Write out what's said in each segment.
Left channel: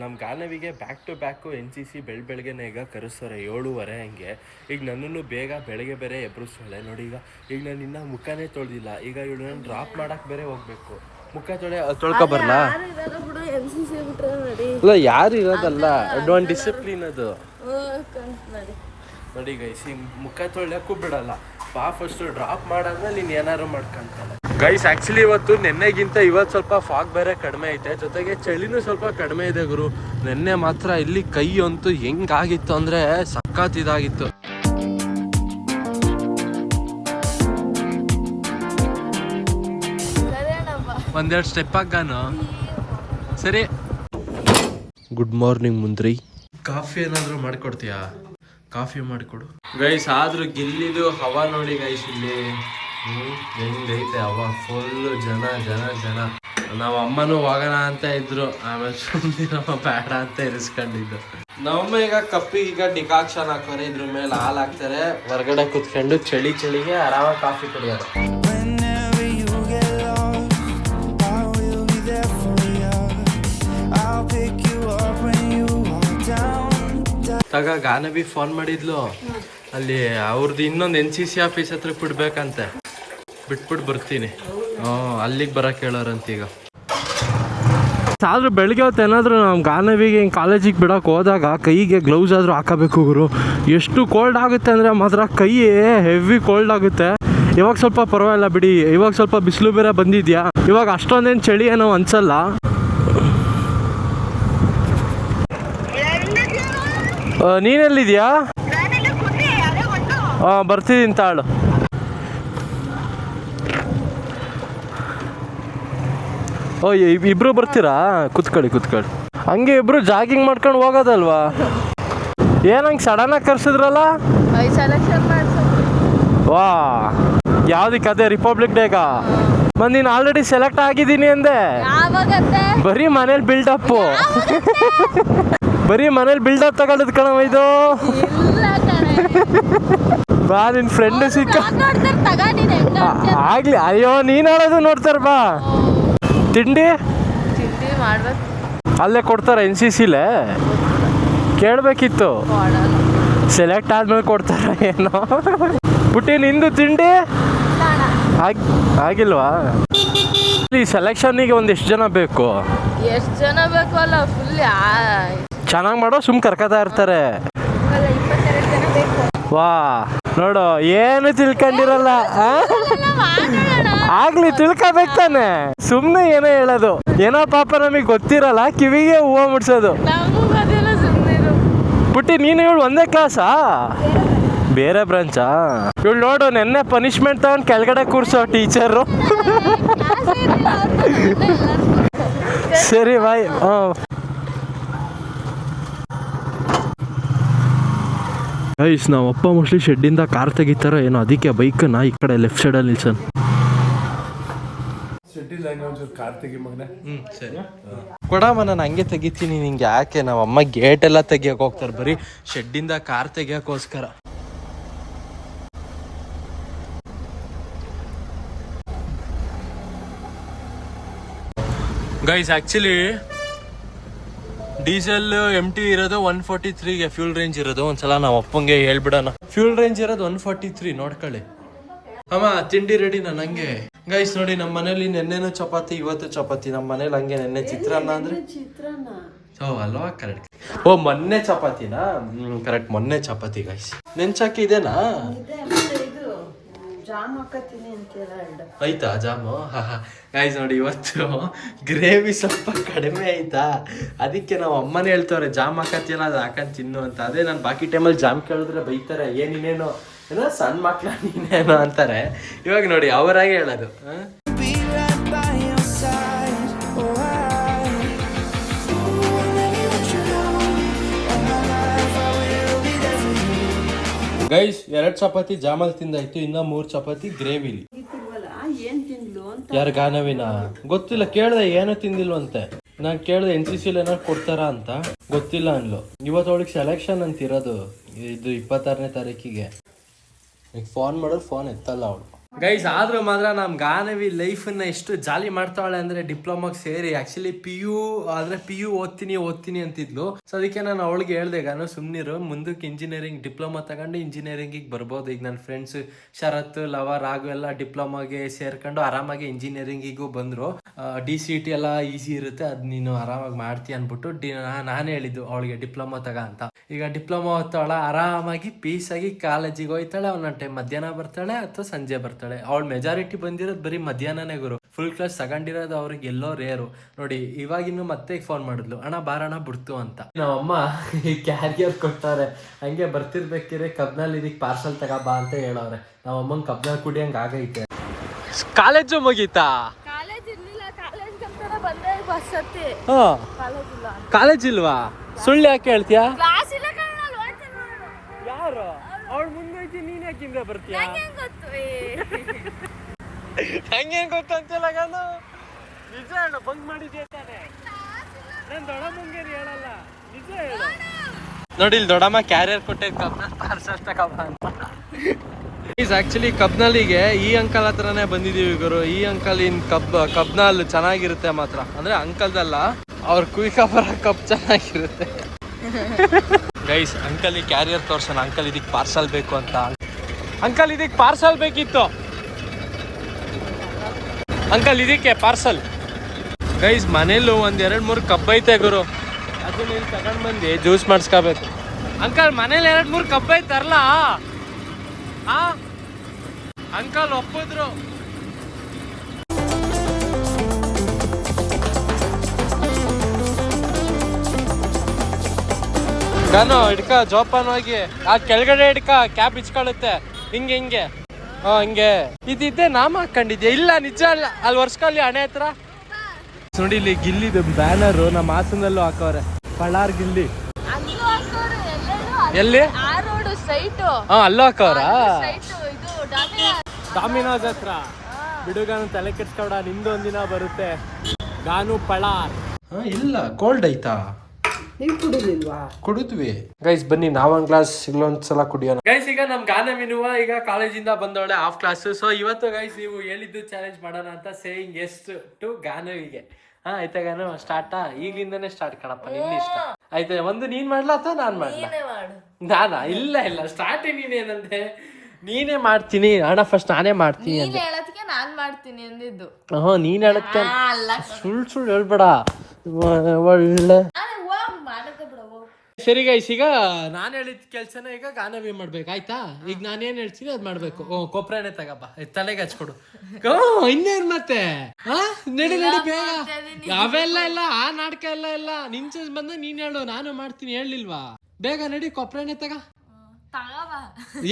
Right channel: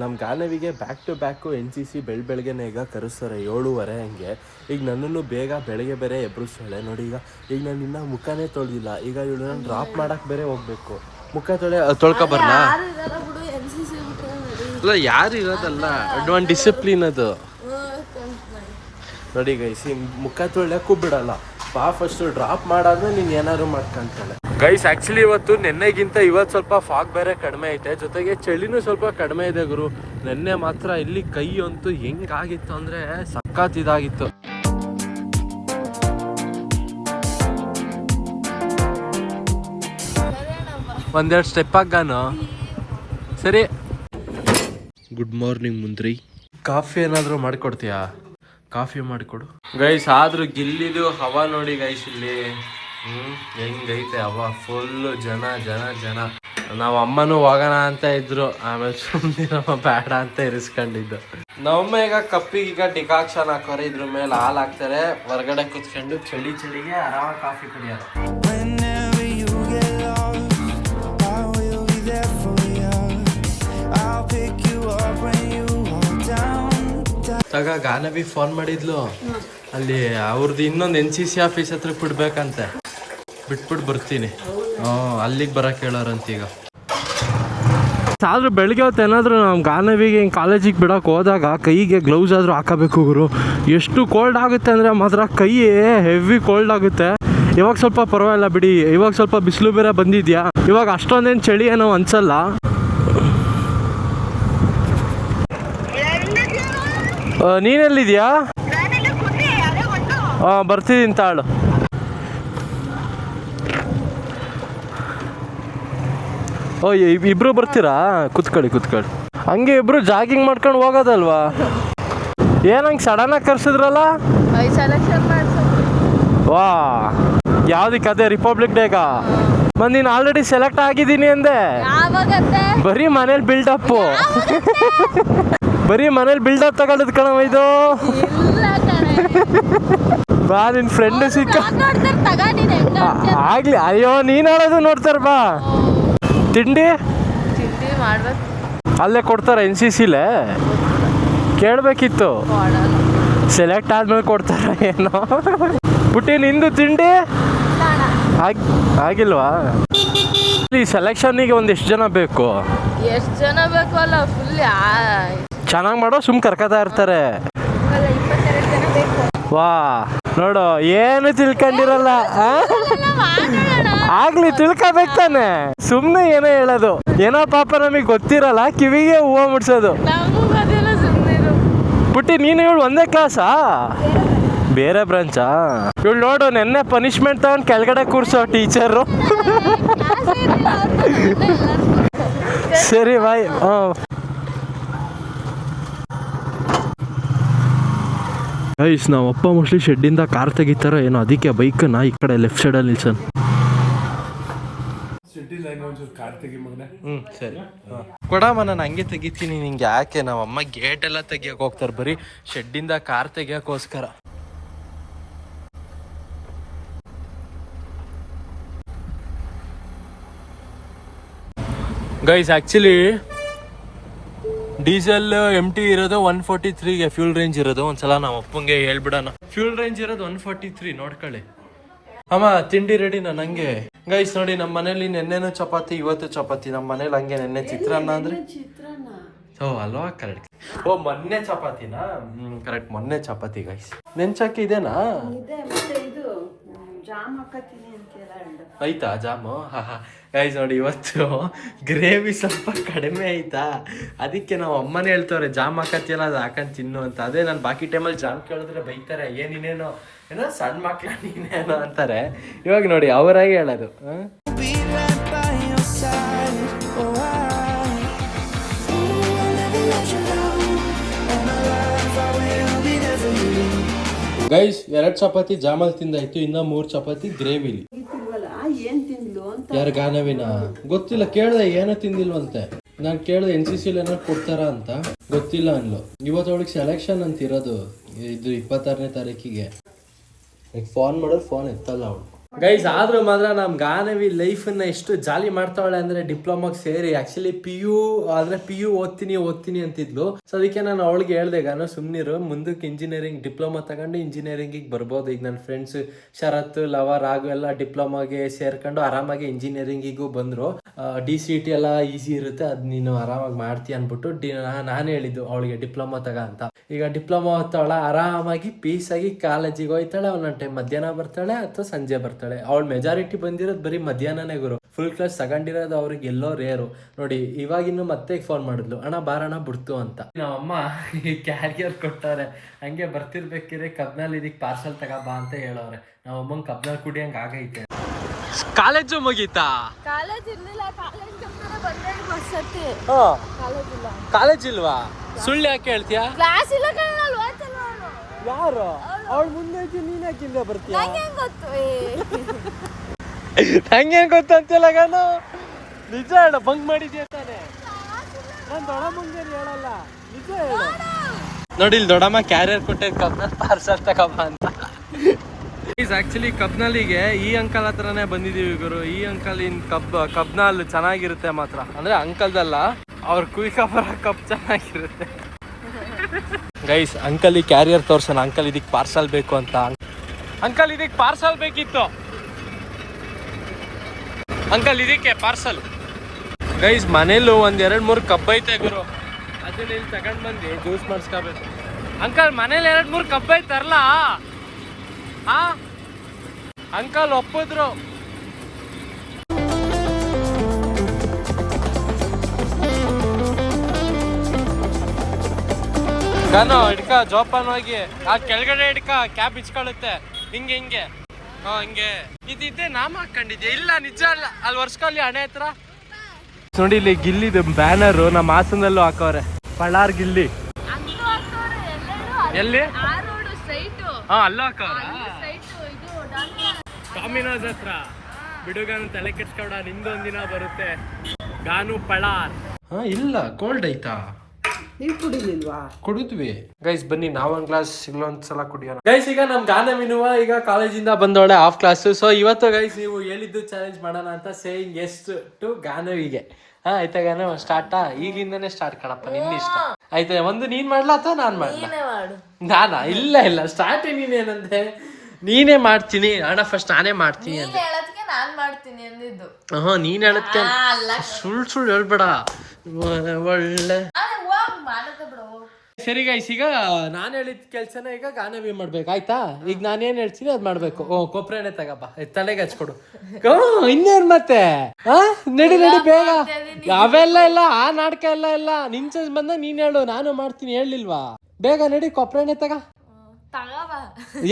ನಮ್ಮ ಗಾನವಿಗೆ back to back NCC ಬೆಳಗ್ಗೆನೆ ಈಗ ಕರೆಸ್ತಾರೆ 7:30 ಹಂಗೆ. ಈಗ ನನ್ನನ್ನು ಬೇಗ ಬೆಳಗ್ಗೆ ಬೇರೆ ಎಬ್ರಿಸ್ತಾಳೆ ನೋಡಿ. ಈಗ ನಾನು ಇನ್ನೂ ಮುಖನೇ ತೊಳೆದಿಲ್ಲ. ಈಗ ಇವಳು ನಾನು ಡ್ರಾಪ್ ಮಾಡಕ್ಕೆ ಬೇರೆ ಹೋಗ್ಬೇಕು. ಮುಖ ತೊಳ್ಕೊ ಬರಲಾ? ಅಲ್ಲ ಯಾರು ಇರೋದಲ್ಲ, ಒಂದು ಡಿಸಿಪ್ಲಿನ್ ಅದು ನೋಡಿ ಗೈಸ್. ಮುಖ ತೊಳ್ಯಕ್ಕೂ ಬಿಡಲ್ಲ. ಫಸ್ಟು ಡ್ರಾಪ್ ಮಾಡಾದ್ಮೇಲೆ ನೀನು ಏನಾದ್ರು ಮಾಡ್ಕೊಂತಾಳೆ ಗೈಸ್. ಆ್ಯಕ್ಚುಲಿ ಇವತ್ತು ನೆನ್ನೆಗಿಂತ ಇವತ್ತು ಸ್ವಲ್ಪ ಫಾಗ್ ಬೇರೆ ಕಡಿಮೆ ಐತೆ, ಜೊತೆಗೆ ಚಳಿನೂ ಸ್ವಲ್ಪ ಕಡಿಮೆ ಇದೆ ಗುರು. ನೆನ್ನೆ ಮಾತ್ರ ಇಲ್ಲಿ ಕೈ ಅಂತೂ ಹೆಂಗಾಗಿತ್ತು ಅಂದರೆ ಸಖತ್ ಇದಾಗಿತ್ತು. ಒಂದೆರಡು ಸ್ಟೆಪ್ ಹಾಗಾನು ಸರಿ. Good morning ಮುಂದ್ರಿ. ಕಾಫಿ ಏನಾದರೂ ಮಾಡಿಕೊಡ್ತೀಯಾ? ಕಾಫಿ ಮಾಡಿಕೊಡು ಗೈಸ್. ಆದ್ರೂ ಗಿಲ್ಲಿದು ಹವಾ ನೋಡಿ ಗೈಸ್ ಇಲ್ಲಿ ಹೆಂಗೈತೆ ಹವಾ. ಫುಲ್ಲು ಜನ ಜನ ಜನ. ನಾವು ಅಮ್ಮನೂ ಹೋಗೋಣ ಅಂತ ಇದ್ರು, ಆಮೇಲೆ ಸುಮ್ಮನಿರಮ್ಮ ಬೇಡ ಅಂತ ಇರಿಸ್ಕೊಂಡಿದ್ದು. ನಮ್ಮಮ್ಮ ಈಗ ಕಪ್ಪಿಗೆ ಈಗ ಡಿಕಾಕ್ಷನ್ ಹಾಕೋರೆ, ಇದ್ರ ಮೇಲೆ ಹಾಲು ಹಾಕ್ತಾರೆ. ಹೊರಗಡೆ ಕುತ್ಕೊಂಡು ಚಳಿಗೆ ಆರಾಮಾಗಿ ಕಾಫಿ ಕುಡಿಯೋದು. ತಗ ಗಾನವಿ ಫೋನ್ ಮಾಡಿದ್ಲು, ಅಲ್ಲಿ ಅವ್ರದ್ದು ಇನ್ನೊಂದು NCC ಆಫೀಸ್ ಹತ್ರ ಬಿಡ್ಬೇಕಂತೆ. ಬಿಟ್ಬಿಟ್ಟು ಬರ್ತೀನಿ. ಅಲ್ಲಿಗೆ ಬರಕ್ಕೆ ಹೇಳೋರಂತ. ಈಗ ಆದ್ರೂ ಬೆಳಗ್ಗೆ ಹೊತ್ತು ಏನಾದರೂ ನಮ್ಮ ಗಾನವಿಗೆ ಹಿಂಗೆ ಕಾಲೇಜಿಗೆ ಬಿಡೋಕೆ ಹೋದಾಗ ಕೈಗೆ ಗ್ಲೌಸ್ ಆದರೂ ಹಾಕಬೇಕು ಗುರು. ಎಷ್ಟು ಕೋಲ್ಡ್ ಆಗುತ್ತೆ ಅಂದರೆ ಮಾತ್ರ ಕೈ ಹೆವಿ ಕೋಲ್ಡ್ ಆಗುತ್ತೆ. ಇವಾಗ ಸ್ವಲ್ಪ ಪರವಾಗಿಲ್ಲ ಬಿಡಿ, ಇವಾಗ ಸ್ವಲ್ಪ ಬಿಸಿಲು ಬೇರೆ ಬಂದಿದ್ಯಾ, ಇವಾಗ ಅಷ್ಟೊಂದೇನು ಚಳಿ ಏನೋ ಅನ್ಸಲ್ಲ. ನೀನೆಲ್ಲಿದ್ಯಾ? ಬರ್ತಿದ್ದೀನಿ ತಾಳು. ಇಬ್ರು ಬರ್ತೀರಾ? ಕುತ್ಕೊಳ್ಳಿ. ಹಂಗೆ ಇಬ್ರು ಜಾಗಿಂಗ್ ಮಾಡ್ಕೊಂಡು ಹೋಗೋದಲ್ವಾ? ಏನಂಗೆ ಸಡನ್ನಾಗಿ ಕರ್ಸಿದ್ರಲ್ಲ? ವಾ, ಯಾವ್ದಕ್ಕೆ? ಅದೇ ರಿಪಬ್ಲಿಕ್ ಡೇಗ ನೀನು ಆಲ್ರೆಡಿ ಸೆಲೆಕ್ಟ್ ಆಗಿದ್ದೀನಿ ಅಂದೆ. ಬರೀ ಮನೇಲಿ ಬಿಲ್ಡಪ್ಪು, ಬರೀ ಮನೇಲಿ ಬಿಲ್ಡಪ್ ತಗೊಳ್ಳೋದು ಕಣವ ಇದು. ಬಾ ನಿನ್ ಫ್ರೆಂಡ್ ಸಿಕ್ಕ ಆಗ್ಲಿ. ಅಯ್ಯೋ ನೀನ್ ಆಡೋದು ನೋಡ್ತಾರ. ಬಾ ತಿಂಡಿ ಅಲ್ಲೇ ಕೊಡ್ತಾರ NCCಲೇ. ಕೇಳಬೇಕಿತ್ತು, ಸೆಲೆಕ್ಟ್ ಆದ್ಮೇಲೆ ಕೊಡ್ತಾರ ಏನೋ. ಪುಟ್ಟಿ ನಿಂದು ತಿಂಡಿ ಆಗಿಲ್ವಾ? ಈ ಸೆಲೆಕ್ಷನ್ನಿಗೆ ಒಂದೆಷ್ಟು ಜನ ಬೇಕು? ಎಷ್ಟು ಜನ ಬೇಕು ಅಲ್ಲ, ಫುಲ್ ಚೆನ್ನಾಗಿ ಮಾಡೋ ಸುಮ್ ಕರ್ಕೋತಾ ಇರ್ತಾರೆ. ವಾ ನೋಡು, ಏನು ತಿಳ್ಕೊಂಡಿರಲ್ಲ. ಆಗ್ಲಿ ತಿಳ್ಕೊಬೇಕು ತಾನೆ, ಸುಮ್ಮನೆ ಏನೋ ಹೇಳೋದು. ಏನೋ ಪಾಪ ನಮಗೆ ಗೊತ್ತಿರಲ್ಲ, ಕಿವಿಗೆ ಹೂವು ಮುಡ್ಸೋದು. ಪುಟ್ಟಿ ನೀನು ಇವಳು ಒಂದೇ ಕ್ಲಾಸಾ? ಬೇರೆ ಬ್ರಾಂಚಾ? ಇವಳು ನೋಡು, ನೆನ್ನೆ ಪನಿಷ್ಮೆಂಟ್ ತಗೊಂಡು ಕೆಳಗಡೆ ಕೂರ್ಸೋ ಟೀಚರು. ಸರಿ ಬಾಯ್. ಗೈಸ್, ನಾವು ಅಪ್ಪ ಮೋಸ್ಟ್ಲಿ ಶೆಡ್ಡಿಂದ ಕಾರ್ ತೆಗಿತಾರೋ ಏನೋ, ಅದಕ್ಕೆ ಬೈಕನ್ನ ಈ ಕಡೆ ಲೆಫ್ಟ್ ಸೈಡಲ್ಲಿ ನಿಲ್ಸನ್. ಸರಿ ಕೊಡಮ್ಮ, ನಾನು ಹಂಗೆ ತೆಗಿತೀನಿ. ನಿಂಗೆ ಯಾಕೆ? ನಾವು ಅಮ್ಮ ಗೇಟ್ ಎಲ್ಲ ತೆಗಿಯಕ್ಕೆ ಹೋಗ್ತಾರೆ, ಬರೀ ಶೆಡ್ಡಿಂದ ಕಾರ್ ತೆಗಿಯೋಕ್ಕೋಸ್ಕರ. ಗೈಸ್ ಆ್ಯಕ್ಚುಲಿ ಡೀಸೆಲ್ MT ಇರೋದು 143ಗೆ, ಫ್ಯೂಲ್ ರೇಂಜ್ ಇರೋದು. ಒಂದ್ಸಲ ನಾವು ಅಪ್ಪಂಗೆ ಹೇಳ್ಬಿಡೋಣ. ಫ್ಯೂಲ್ ರೇಂಜ್ ಇರೋದು 143, ನೋಡ್ಕೊಳ್ಳಿ. ಅಮ್ಮ ತಿಂಡಿ ರೆಡಿ ನನಗೆ. ಗೈಸ್ ನೋಡಿ, ನಮ್ಮ ಮನೇಲಿ ನೆನ್ನೆನೂ ಚಪಾತಿ, ಇವತ್ತು ಚಪಾತಿ. ನಮ್ಮ ಮನೇಲಿ ಹಂಗೆ ನೆನ್ನೆ ಚಿತ್ರಾನ್ನ ಅಂದ್ರೆ ಅಲ್ವಾ? ಕರೆಕ್ಟ್. ಮೊನ್ನೆ ಚಪಾತಿನಾ? ಕರೆಕ್ಟ್, ಮೊನ್ನೆ ಚಪಾತಿ. ಗೈಸ್ ನೆಂಚಾಕಿ ಇದೆನಾ? ಆಯ್ತಾ ಜಾಮು? ಗೈಸ್ ನೋಡಿ, ಇವತ್ತು ಗ್ರೇವಿ ಸ್ವಲ್ಪ ಕಡಿಮೆ ಆಯ್ತಾ, ಅದಕ್ಕೆ ನಾವು ಅಮ್ಮನೇ ಹೇಳ್ತವ್ರೆ ಜಾಮ್ ಹಾಕತ್ತಿಯಲ್ಲ, ಅದು ಹಾಕೊಂಡು ತಿನ್ನು ಅಂತ. ಅದೇ ನಾನು ಬಾಕಿ ಟೈಮಲ್ಲಿ ಜಾಮ್ ಕೇಳಿದ್ರೆ ಬೈತಾರೆ, ಏನೇನೋ ಏನೋ ಸಣ್ಣ ಮಕ್ಳ ನೀನೇನೋ ಅಂತಾರೆ. ಇವಾಗ ನೋಡಿ ಅವರಾಗೆ ಹೇಳೋದು. ಗೈಸ್ 2 ಚಪಾತಿ ಜಾಮಲ್ ತಿಂದಾಯ್ತು, ಇನ್ನ 3 ಚಪಾತಿ ಗ್ರೇವಿಲಿ. ಯಾರು ಗಾನವಿನ? ಗೊತ್ತಿಲ್ಲ, ಕೇಳ್ದೆ ಏನೋ ತಿಂದಿಲ್ವಂತೆ. ನಾನು ಕೇಳ್ದೆ NCCಲಿ ಏನಾರು ಕೊಡ್ತಾರ ಅಂತ, ಗೊತ್ತಿಲ್ಲ ಅನ್ಲು. ಇವತ್ತು ಅವಳಿಗೆ ಸೆಲೆಕ್ಷನ್ ಅಂತ ಇರೋದು, ಇದು 26ನೇ ತಾರೀಕಿಗೆ. ಫೋನ್ ಮಾಡೋದು, ಫೋನ್ ಎತ್ತಲ್ಲ ಅವಳು. ಗೈಸ್ ಆದ್ರೂ ಮಾತ್ರ ನಮ್ ಗಾನವಿ ಲೈಫನ್ನ ಎಷ್ಟು ಜಾಲಿ ಮಾಡ್ತಾವಳೆ ಅಂದ್ರೆ ಡಿಪ್ಲೊಮಾಗ್ ಸೇರಿ. ಆಕ್ಚುಲಿ ಪಿ ಯು ಓದ್ತೀನಿ ಅಂತಿದ್ಲು. ಸೊ ಅದಕ್ಕೆ ನಾನು ಅವಳಿಗೆ ಹೇಳ್ದೆ, ಗಾನು ಸುಮ್ನಿರು, ಮುಂದಕ್ಕೆ ಇಂಜಿನಿಯರಿಂಗ್ ಡಿಪ್ಲೊಮಾ ತಗೊಂಡು ಇಂಜಿನಿಯರಿಂಗಿಗೆ ಬರ್ಬೋದು. ಈಗ ನನ್ನ ಫ್ರೆಂಡ್ಸ್ ಶರತ್, ಲವ, ರಾಘು ಎಲ್ಲ ಡಿಪ್ಲೊಮಾಗೆ ಸೇರ್ಕೊಂಡು ಆರಾಮಾಗಿ ಇಂಜಿನಿಯರಿಂಗಿಗೂ ಬಂದ್ರು. DCT ಎಲ್ಲ ಈಸಿ ಇರುತ್ತೆ, ಅದ್ ನೀನು ಆರಾಮಾಗಿ ಮಾಡ್ತೀಯ ಅನ್ಬಿಟ್ಟು ನಾನೇ ಹೇಳಿದ್ದು ಅವಳಿಗೆ ಡಿಪ್ಲೊಮಾ ತಗ ಅಂತ. ಈಗ ಡಿಪ್ಲೊಮಾ ಓದ್ತಾಳ, ಆರಾಮಾಗಿ ಪೀಸಾಗಿ ಕಾಲೇಜಿಗೆ ಹೋಯ್ತಾಳೆ. ಒಂದೊಂದು ಟೈಮ್ ಮಧ್ಯಾಹ್ನ ಬರ್ತಾಳೆ ಅಥವಾ ಸಂಜೆ ಬರ್ತಾಳೆ. ಅವಳ ಮೆಜಾರಿಟಿ ಬಂದಿರೋದು ಬರೀ ಮಧ್ಯಾಹ್ನನೇ ಗುರು. ಫುಲ್ ಕ್ಲಾಸ್ ತಗೊಂಡಿರೋದು ಅವ್ರಿಗೆ ಎಲ್ಲೋ ರೇರು ನೋಡಿ. ಇವಾಗಿನ್ನು ಮತ್ತೆ ಫೋನ್ ಮಾಡಿದ್ಲು, ಅಣ್ಣ ಬಾರಣ ಬಿಡ್ತು ಅಂತ. ನಮ್ಮಮ್ಮ ಕ್ಯಾರಿಯರ್ ಕೊಟ್ಟವ್ರೆ, ಹಂಗೆ ಬರ್ತಿರ್ಬೇಕಿದ್ರೆ ಕಬ್ನಲ್ಲಿ ಇದಕ್ಕೆ ಪಾರ್ಸಲ್ ತಗೋಬಾ ಅಂತ ಹೇಳವ್ರೆ. ನಮ್ಮಮ್ಮಂಗ್ ಕಬ್ನಲ್ಲಿ ಕುಡಿಯಂಗ್ ಆಗೈತೆ. ಕಾಲೇಜು ಮುಗೀತಾ? ಕಾಲೇಜ್ ಇರ್ಲಿಲ್ಲ, ಕಾಲೇಜ್ ಬಂದ್ರೆ ಬಸ್ ಹತ್ತಿ. ಕಾಲೇಜ್ ಇಲ್ವಾ? ಸುಳ್ಳು ಯಾಕೆ ಹೇಳ್ತೀಯಾ? ಕ್ಲಾಸ್ ಇಲ್ಲ. ಯಾರು ಅವಳ ಮುಂದೆ ನೀನ್ ಯಾಕಿಂದ ಬರ್ತೀಯ? ಹಂಗೇನ್ ಗೊತ್ತಂತಿಲ್ಲ ಗಾನು. ನಿಜ ಹೇಳ, ಬಂಕ್ ಮಾಡಿದ್ಯಾ ತಾನೆ? ನಾನ್ ದೊಡ್ಡಮ್ಮಂಗೇನು ಹೇಳಲ್ಲ, ನಿಜ ಹೇಳು. ನೋಡಿ ಇಲ್ಲಿ ದೊಡ್ಡಮ್ಮ ಕ್ಯಾರಿಯರ್ ಕೊಟ್ಟೆ, ಕಬ್ನಲ್ಲಿ ಪಾರ್ಸಲ್ ತಗೋಬಾ ಅಂತ. ಆಕ್ಚುಲಿ ಕಬ್ನಲ್ಲಿಗೆ ಈ ಅಂಕಲ್ ಹತ್ರನೇ ಬಂದಿದೀವಿ ಗುರು. ಈ ಅಂಕಲ್ ಇನ್ ಕಬ್ನಲ್ಲಿ ಚೆನ್ನಾಗಿರುತ್ತೆ ಮಾತ್ರ. ಅಂದ್ರೆ ಅಂಕಲ್ದಲ್ಲ, ಅವ್ರ ಕುಯ್ಕಬರ ಕಬ್ ಚೆನ್ನಾಗಿರುತ್ತೆ. ಗೈಸ್ ಅಂಕಲ್ ಈ ಕ್ಯಾರಿಯರ್ ತೋರ್ಸೋಣ. ಅಂಕಲ್ ಇದಕ್ಕೆ ಪಾರ್ಸಲ್ ಬೇಕು ಅಂತ. ಅಂಕಲ್ ಇದಕ್ಕೆ ಪಾರ್ಸಲ್ ಬೇಕಿತ್ತು. ಅಂಕಲ್ ಇದಕ್ಕೆ ಪಾರ್ಸಲ್. ಗೈಸ್ ಮನೇಲೂ 1-2-3 ಕಬ್ಬ್ ಐತೆ ಗುರು. ಅದನ್ನ ಇಲ್ಲಿ ತಗೊಂಡ್ ಬಂದು ಜ್ಯೂಸ್ ಮಾಡಿಸ್ಕೋಬೇಕು. ಅಂಕಲ್ ಮನೇಲಿ 2-3 ಕಬ್ಬ್ ಐತರ್ಲ? ಅಂಕಲ್ ಒಪ್ಪಿದ್ರು. ಗಾನು ಹಿಡ್ಕ, ಜೋಪಾನ ಹೋಗಿ. ಆ ಕೆಳಗಡೆ ಹಿಡ್ಕ, ಕ್ಯಾಪ್ ಇಚ್ಕೊಳ್ಳುತ್ತೆ. ಹಿಂಗೆ ಹಂಗೆ ಇದ್ದೆ ನಾಮ ಹಾಕೊಂಡಿದ್ಯಾ? ಇಲ್ಲ ನಿಜ ಅಲ್ಲ, ಅಲ್ಲಿ ವರ್ಷದಲ್ಲಿ ಹಣೆ ಹತ್ರ ನೋಡಿ. ಇಲ್ಲಿ ಗಿಲ್ಲಿದು ಬ್ಯಾನರು ನಮ್ಮ ಹಾಸನಲ್ಲೂ ಹಾಕವ್ರೆ, ಪಳಾರ್ ಗಿಲ್ಲಿ. ಎಲ್ಲಿ? ಅಲ್ಲೂ ಹಾಕವ್ರ? ಡಾಮಿನೋಸ್ ಹತ್ರ. ಬಿಡುಗಾನು ತಲೆ ಕೆಡ್ಸ್ಕೊಡ, ನಿಮ್ದು ಒಂದಿನ ಬರುತ್ತೆ. ಗಾನು ಪಳಾರ್. ಇಲ್ಲ, ಕೋಲ್ಡ್ ಐತಾ? ನೀವು ಕುಡಿಲಿಲ್ವಾ? ಕುಡಿದ್ವಿ ಗೈಸ್. ಬನ್ನಿ ನಾವೊಂದ್ ಗ್ಲಾಸ್ ಇಲ್ಲೊಂದ್ಸಲ ಕುಡಿಯೋಣ ಗೈಸ್. ಈಗ ನಮ್ ಗಾನವಿನುವ ಈಗ ಕಾಲೇಜಿಂದ ಬಂದವಳೆ ಆಫ್ ಕ್ಲಾಸ್. ಸೊ ಇವತ್ತು ಗೈಸ್ ನೀವು ಹೇಳಿದ್ದು ಚಾಲೆಂಜ್ ಮಾಡೋಣ ಅಂತ. ಸೇಯಿಂಗ್ ಎಸ್ ಟು ಗಾನವಿಗೆ. ಆಯ್ತಾ ಗಾನವ? ಸ್ಟಾರ್ಟಾ? ಈಗಿಂದನೇ ಸ್ಟಾರ್ಟ್ ಕಣಪ್ಪ, ನಿನ್ನ ಇಷ್ಟ. ಆಯ್ತಾ? ಒಂದು ನೀನ್ ಮಾಡ್ಲಾ ಅಥವಾ ನಾನ್ ಮಾಡ್ಲಾ? ನಾನಾ? ಇಲ್ಲ ಸ್ಟಾರ್ಟ್ ನೀನೇನಂದೆ? ನೀನೇ ಮಾಡ್ತೀನಿ ಅಣ್ಣ, ಫಸ್ಟ್ ನಾನೇ ಮಾಡ್ತೀನಿ ಅಂದೆ. ನೀನ್ ಹೇಳತ್ತೆ. ಸುಳ್ಳು ಹೇಳ್ಬೇಡ, ಒಳ್ಳೆ. ಸರಿ ಗೈಸ್, ಈಗ ನಾನು ಹೇಳಿದ ಕೆಲ್ಸನ ಈಗ ಗಾನವಿ ಮಾಡ್ಬೇಕು. ಆಯ್ತಾ? ಈಗ ನಾನೇನ್ ಹೇಳ್ತೀನಿ ಅದ್ ಮಾಡ್ಬೇಕು. ಕೊಪ್ರೆನೆ ತಗಪ್ಪ, ತಲೆಗೆ ಹಚ್ಕೊಡು. ಇನ್ನೇನ್ ಮತ್ತೆ? ನಡಿ ಬೇಗ. ಅವೆಲ್ಲ ಇಲ್ಲ, ಆ ನಾಟಕ ಎಲ್ಲ ಇಲ್ಲ. ನಿನ್ ಚೇಂಜ್ ಬಂದ ನೀನ್ ಹೇಳು, ನಾನು ಮಾಡ್ತೀನಿ. ಹೇಳಿಲ್ವಾ? ಬೇಗ ನಡಿ, ಕೊಪ್ರೆನೆ ತಗ.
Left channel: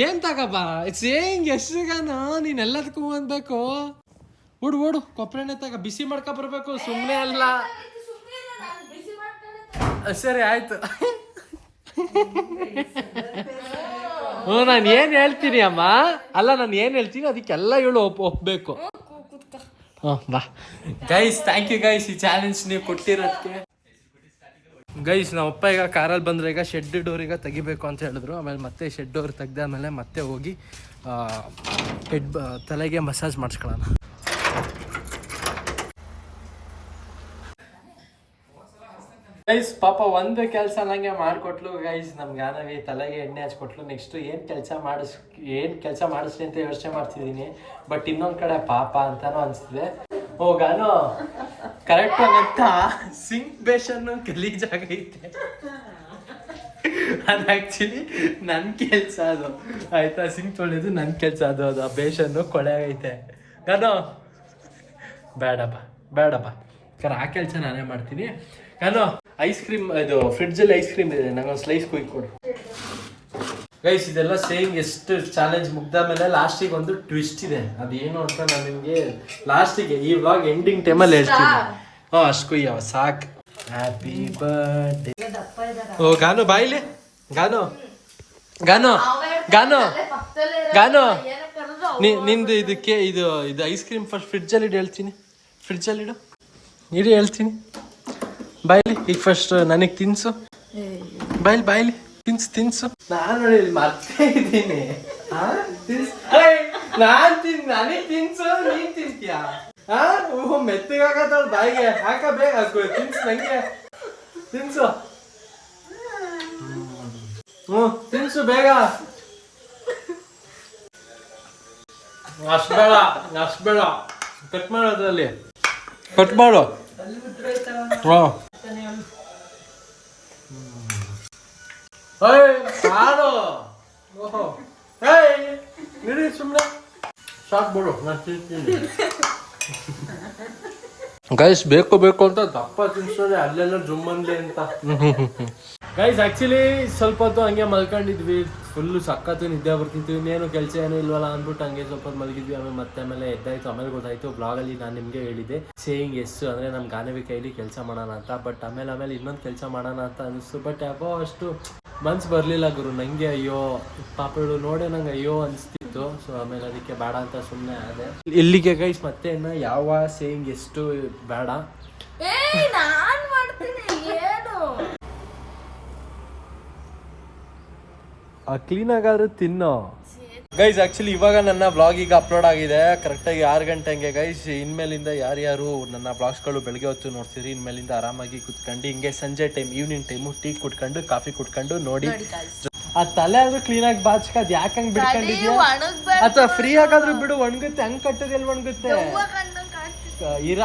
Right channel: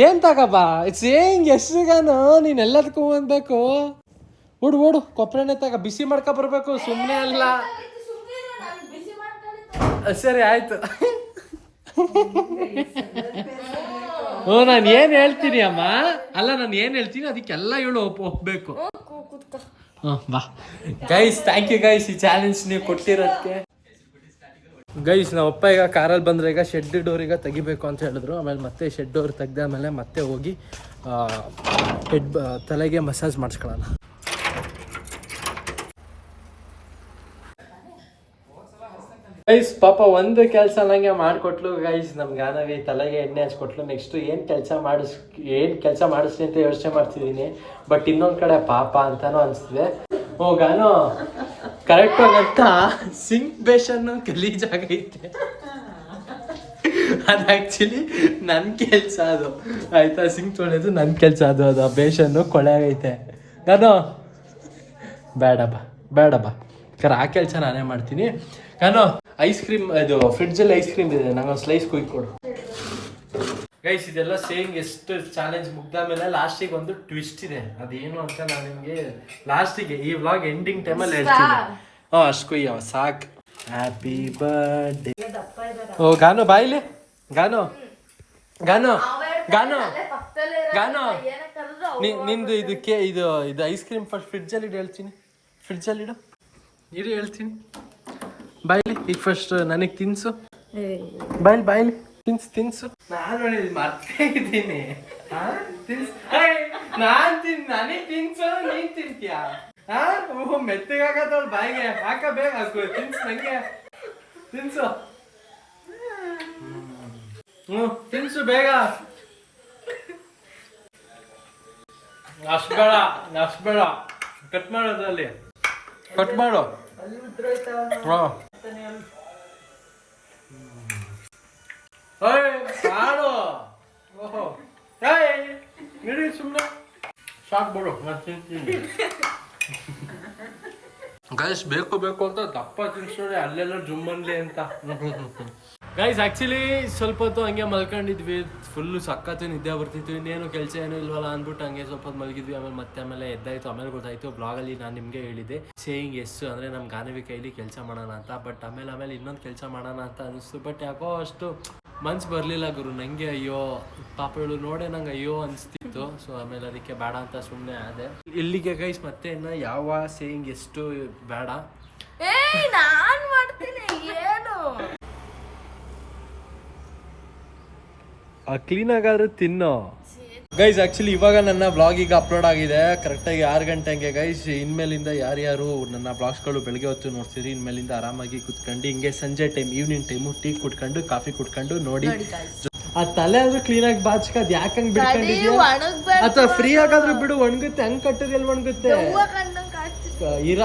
ಏನ್ ತಗಬಾ? ಇಟ್ಸ್ ಏಂಗ್ ಎಷ್ಟಿಗಾನು ನೀನ್ ಎಲ್ಲದಕ್ಕೂ ಅನ್ಬೇಕು. ಓಡು ಕೊಪ್ರೆನೆ ತಗ. ಬಿಸಿ ಮಾಡ್ಕೊ ಬರ್ಬೇಕು, ಸುಮ್ನೆ ಅಲ್ಲ. ಸರಿ ಆಯ್ತು. ನಾನು ಏನ್ ಹೇಳ್ತೀನಿ ಅಮ್ಮ, ಅಲ್ಲ ನಾನು ಏನ್ ಹೇಳ್ತೀನಿ ಅದಕ್ಕೆಲ್ಲ ಇವಳು ಒಪ್ಬೇಕು. ಬಾ ಗೈಸ್, ಥ್ಯಾಂಕ್ ಯು ಗೈಸ್ ಈ ಚಾಲೆಂಜ್ ನೀವು ಕೊಟ್ಟಿರೋದಕ್ಕೆ. ಗೈಸ್ ನಮ್ಮಪ್ಪ ಈಗ ಕಾರಲ್ಲಿ ಬಂದ್ರೆ ಈಗ ಶೆಡ್ ಡೋರ್ ಈಗ ತೆಗಿಬೇಕು ಅಂತ ಹೇಳಿದ್ರು. ಆಮೇಲೆ ಮತ್ತೆ ಶೆಡ್ ಡೋರ್ ತೆಗ್ದಾದ್ಮೇಲೆ ಮತ್ತೆ ಹೋಗಿ ತಲೆಗೆ ಮಸಾಜ್ ಮಾಡಿಸ್ಕೊಳ್ಳೋಣ. ಗೈಸ್ ಪಾಪ ಒಂದು ಕೆಲಸ ನಂಗೆ ಮಾಡಿಕೊಟ್ಲು ಗೈಸ್. ನಮ್ಗೆ ಗಾನವಿ ತಲೆಗೆ ಎಣ್ಣೆ ಹಚ್ಕೊಟ್ಲು. ನೆಕ್ಸ್ಟ್ ಏನು ಕೆಲಸ ಮಾಡಿಸ್ಲಿ ಅಂತ ಯೋಚನೆ ಮಾಡ್ತಿದ್ದೀನಿ. ಬಟ್ ಇನ್ನೊಂದು ಕಡೆ ಪಾಪ ಅಂತಾನು ಅನಿಸ್ತಿದೆ. ಗಾನೋ ಕರೆಕ್ಟಾಗಿ ಅಂತ ಸಿಂಕ್ ಬೇಷನ್ನು ಗಲೀಜಾಗೈತೆ. ಅದು ಆ್ಯಕ್ಚುಲಿ ನನ್ನ ಕೆಲಸ ಅದು. ಆಯ್ತಾ? ಸಿಂಕ್ ತೊಳೆಯೋದು ನನ್ನ ಕೆಲಸ ಅದು. ಅದು ಬೇಷನ್ನು ಕೊಳೆ ಆಗೈತೆ. ಗಾನೋ ಬೇಡಪ್ಪ ಆ ಕೆಲಸ ನಾನೇ ಮಾಡ್ತೀನಿ. ಗಾನೋ ಐಸ್ ಕ್ರೀಮ್, ಇದು ಫ್ರಿಡ್ಜಲ್ಲಿ ಐಸ್ ಕ್ರೀಮ್ ಇದೆ, ನಂಗೊಂದು ಸ್ಲೈಸ್ ಕೊಡು ಗೈಸ್. ಇದೆಲ್ಲ ಸೇಯಿಂಗ್ ಎಷ್ಟು ಚಾಲೆಂಜ್ ಮುಗ್ದಾದ್ಮೇಲೆ ಲಾಸ್ಟಿಗೆ ಒಂದು ಟ್ವಿಸ್ಟ್ ಇದೆ. ಅದೇನು ಅಂತ ನಾನು ನಿಮಗೆ ಲಾಸ್ಟಿಗೆ ಈ ವ್ಲಾಗ್ ಎಂಡಿಂಗ್ ಟೈಮಲ್ಲಿ ಹೇಳ್ತೀನಿ. ಅಷ್ಟು ಕೊಯ್ಯವ ಸಾಕು. Happy birthday. ಗಾನು ಬಾಯಿಲಿ. ಗಾನು ನಿಂದು ಇದಕ್ಕೆ ಇದು ಐಸ್ ಕ್ರೀಮ್ ಫಸ್ಟ್ ಫ್ರಿಡ್ಜಲ್ಲಿ ಇಡು ಹೇಳ್ತೀನಿ. ಫ್ರಿಡ್ಜಲ್ಲಿ ಇಡು ಹೇಳ್ತೀನಿ. ಬಾಯ್ಲಿ ಈಗ ಫಸ್ಟ್ ನನಗೆ ತಿನ್ಸು. ಬಾಯ್ಲಿ ತಿನ್ಸು. ನಾನು ನೋಡಿ ಮರ್ತೇ ಇದ್ದೀನಿ. ನನಗೆ ತಿನ್ಸು ನೀನ್ ತಿಂತೀಯಾ? ಮೆತ್ತಗಾಗತ್ತವ ಬಾಯಿಗೆ ಹಾಕ ಬೇಗ ತಿನ್ಸು ನಂಗೆ ತಿನ್ಸು. ತಿನ್ಸು ಬೇಗ. ಅಷ್ಟು ಬೇಡ ಕಟ್ ಮಾಡೋದ್ರಲ್ಲಿ ಕಟ್ ಮಾಡು. ಕಾಡು ಓಹೋ ಇಡೀ ಸುಮ್ಮನೆ ಸಾಕ್ಬಿಡು ನಾನು ತಿಂತೀನಿ. ಗೈಸ್ ಬೇಕು ಅಂತ ದಪ್ಪ ತಿನ್ಸೋದೆ ಅಲ್ಲೆಲ್ಲ ಜುಮ್ಮನ್ಲಿ ಅಂತ. ಗೈಸ್ ಆಕ್ಚುಲಿ ಸ್ವಲ್ಪ ಹೊತ್ತು ಹಂಗೆ ಮಲ್ಕೊಂಡಿದ್ವಿ, ಫುಲ್ಲು ಸಖತ್ತು ನಿದ್ದೆ ಬರ್ತಿತ್ತು. ಇನ್ನೇನು ಕೆಲಸ ಏನೂ ಇಲ್ವಲ್ಲ ಅಂದ್ಬಿಟ್ಟು ಹಂಗೆ ಸ್ವಲ್ಪ ಹೊತ್ತು ಮಲಗಿದ್ವಿ. ಆಮೇಲೆ ಎದ್ದಾಯ್ತು. ಆಮೇಲೆ ಗೊತ್ತಾಯ್ತು ಬ್ಲಾಗಲ್ಲಿ ನಾನು ನಿಮಗೆ ಹೇಳಿದ್ದೆ ಸೇಯಿಂಗ್ ಎಸ್ ಅಂದರೆ ನಮ್ಮ ಗಾನವಿ ಕೈಲಿ ಕೆಲಸ ಮಾಡೋಣ ಅಂತ. ಬಟ್ ಆಮೇಲೆ ಇನ್ನೊಂದು ಕೆಲಸ ಮಾಡೋಣ ಅಂತ ಅನಿಸ್ತು. ಬಟ್ ಯಾಕೋ ಅಷ್ಟು ಮನ್ಸು ಬರಲಿಲ್ಲ ಗುರು ನನಗೆ. ಅಯ್ಯೋ ಪಾಪಗಳು ನೋಡೇ ನಂಗೆ ಅಯ್ಯೋ ಅನಿಸ್ತಿತ್ತು. ಸೊ ಆಮೇಲೆ ಅದಕ್ಕೆ ಬೇಡ ಅಂತ ಸುಮ್ಮನೆ ಆದೆ. ಇಲ್ಲಿಗೆ ಗೈಸ್ ಮತ್ತೆ ಇನ್ನು ಯಾವ ಸೇಯಿಂಗ್ ಎಷ್ಟು ಬೇಡ. ನಾನ್ ಮಾಡ್ತೀನಿ ಏನು ಕ್ಲೀನ್ ಆಗಾದ್ರೂ ತಿನ್ನೋ. ಗೈಸ್ ಆಕ್ಚುಲಿ ಇವಾಗ ನನ್ನ ಬ್ಲಾಗ್ ಈಗ ಅಪ್ಲೋಡ್ ಆಗಿದೆ ಕರೆಕ್ಟಾಗಿ 6 ಗಂಟೆ ಹಂಗೆ. ಗೈಸ್ ಇನ್ಮೇಲಿಂದ ಯಾರ್ಯಾರು ನನ್ನ ಬ್ಲಾಗ್ಸ್ಗಳು ಬೆಳಗ್ಗೆ ಹೊತ್ತು ನೋಡ್ತೀರಿ, ಇನ್ಮೇಲಿಂದ ಆರಾಮಾಗಿ ಕುತ್ಕೊಂಡು ಹಿಂಗೆ ಸಂಜೆ ಟೈಮ್ ಈವ್ನಿಂಗ್ ಟೈಮು ಟೀ ಕುಟ್ಕೊಂಡು ಕಾಫಿ ಕುಟ್ಕೊಂಡು ನೋಡಿ. ಆ ತಲೆ ಆದ್ರೂ ಕ್ಲೀನ್ ಆಗಿ ಬಾಚ್ಕ ಅದ್ ಯಾಕಂಗ್ ಬಿಡ್ಕೊಂಡಿದ್ಯಾ? ಅಥವಾ ಫ್ರೀ ಆಗಾದ್ರೂ ಬಿಡು, ಒಣಗುತ್ತೆ. ಹಂಗ್ ಕಟ್ಟೋದು ಎಲ್ಲಿ ಒಣಗುತ್ತೆ?